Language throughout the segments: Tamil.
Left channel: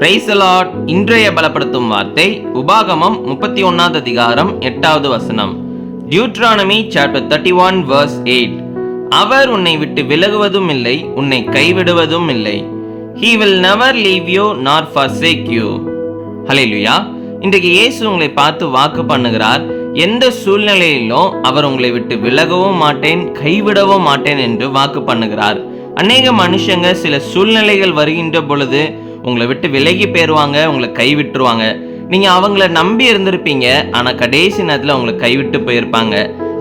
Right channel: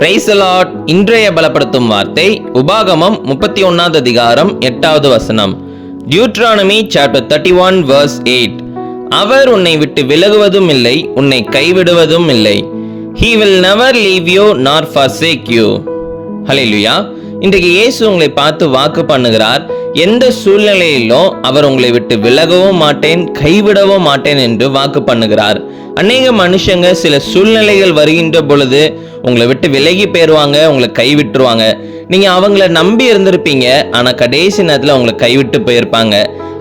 பிரைஸ் இன்றைய பலப்படுத்தும் வார்த்தை உபாகமம் முப்பத்தி ஒன்னாவது அதிகாரம் எட்டாவது வசனம். Deuteronomy chapter thirty one verse eight அவர் உன்னை விட்டு விலகுவதும் இல்லை உன்னை கைவிடுவதும் இல்லை. He will never leave you nor forsake you ஹalleluya இன்றைக்கு இயேசு உங்களை பார்த்து வாக்கு பண்ணுகிறார். எந்த சூழ்நிலையிலும் அவர் உங்களை விட்டு விலகவும் மாட்டேன் கைவிடவும் மாட்டேன் என்று வாக்கு பண்ணுகிறார். அநேக மனுஷங்க சில சூழ்நிலைகள் வருகின்ற பொழுது உங்களை விட்டு விலகி போயிடுவாங்க உங்களை கைவிட்டுருவாங்க. நீங்கள் அவங்கள நம்பி இருந்திருப்பீங்க ஆனால் கடைசி நேரத்தில் உங்களை கைவிட்டு போயிருப்பாங்க.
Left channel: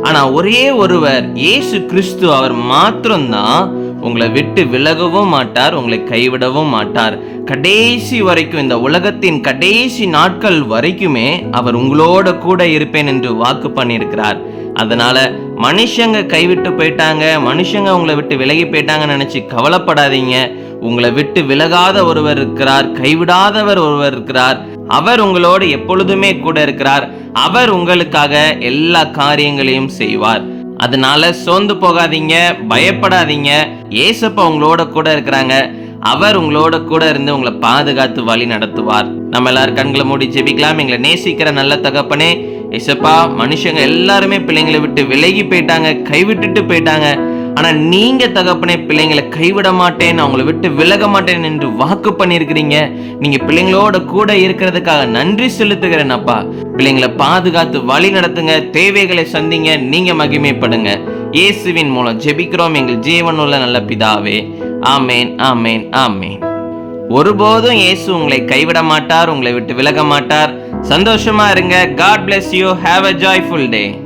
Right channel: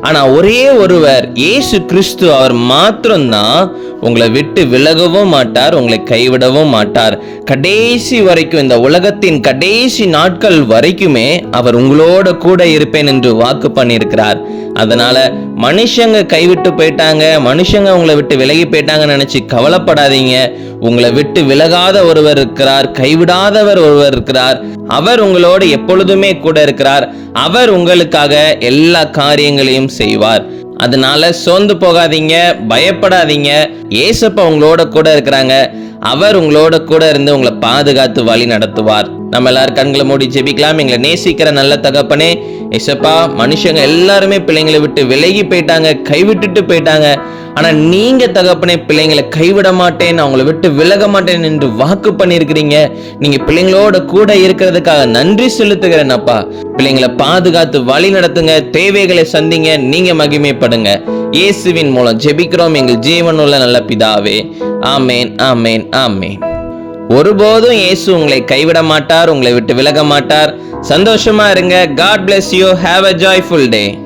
ஆனால் ஒரே ஒருவர் இயேசு கிறிஸ்து அவர் மாத்திரம்தான் உங்களை விட்டு விலகவும் மாட்டார் உங்களை கைவிடவும் மாட்டார். கடைசி வரைக்கும் இந்த உலகத்தின் கடைசி நாட்கள் வரைக்குமே அவர் உங்களோட கூட இருப்பேன் என்று வாக்கு பண்ணியிருக்கிறார். அதனால மனுஷங்க கைவிட்டு போயிட்டாங்க மனுஷங்க உங்களை விட்டு விலகி போயிட்டாங்கன்னு நினைச்சு கவலைப்படாதீங்க. உங்களை விட்டு விலகாத ஒருவர் இருக்கிறார் கைவிடாதவர் ஒருவர் இருக்கிறார். அவர் உங்களோடு எப்பொழுதுமே கூட இருக்கிறார். அவர் உங்களுக்காக எல்லா காரியங்களையும் செய்வார். அதனால சோர்ந்து போகாதீங்க பயப்படாதீங்க. ஏசப்பா உங்களோட கூட இருக்கிறாங்க. அவர் உங்களோட கூட இருந்து உங்களை பாதுகாத்து வழி நடத்துவார். நம்ம எல்லாரும் கண்களை மூடி ஜெபிக்கலாம். எங்களை நேசிக்கிற நல்ல தகப்பனே ஏசப்பா மனுஷங்க எல்லாருமே பிள்ளைங்களை விட்டு விலகி போயிட்டாங்க கைவிட்டுட்டு போயிட்டாங்க. ஆனால் நீங்கள் தகப்பனே பிள்ளைங்களை கைவிட மாட்டேன் அவங்கள விட்டு விலக மாட்டேன் என்று வாக்கு பண்ணியிருக்கிறீங்க. நீங்கள் பிள்ளைங்களோட கூட இருக்கிறதுக்காக நன்றி செலுத்துகிறேன் அப்பா. பிள்ளைங்களை பாதுகாத்து வழி நடத்துங்க தேவைகளை சந்திங்க நீங்கள் மகிமைப்படுங்க. இயேசுவின் மூலம் ஜெபிக்கிறோம் எங்கள் ஜீவனுள்ள நல்ல பிதாவே. ஆமேன் ஆமேன் ஆமேன். ஒருபோதும் இயேசு உங்களை கைவிட மாட்டார் உங்களை விட்டு விலக மாட்டார் சந்தோஷமா இருங்க. God bless you have a joyful day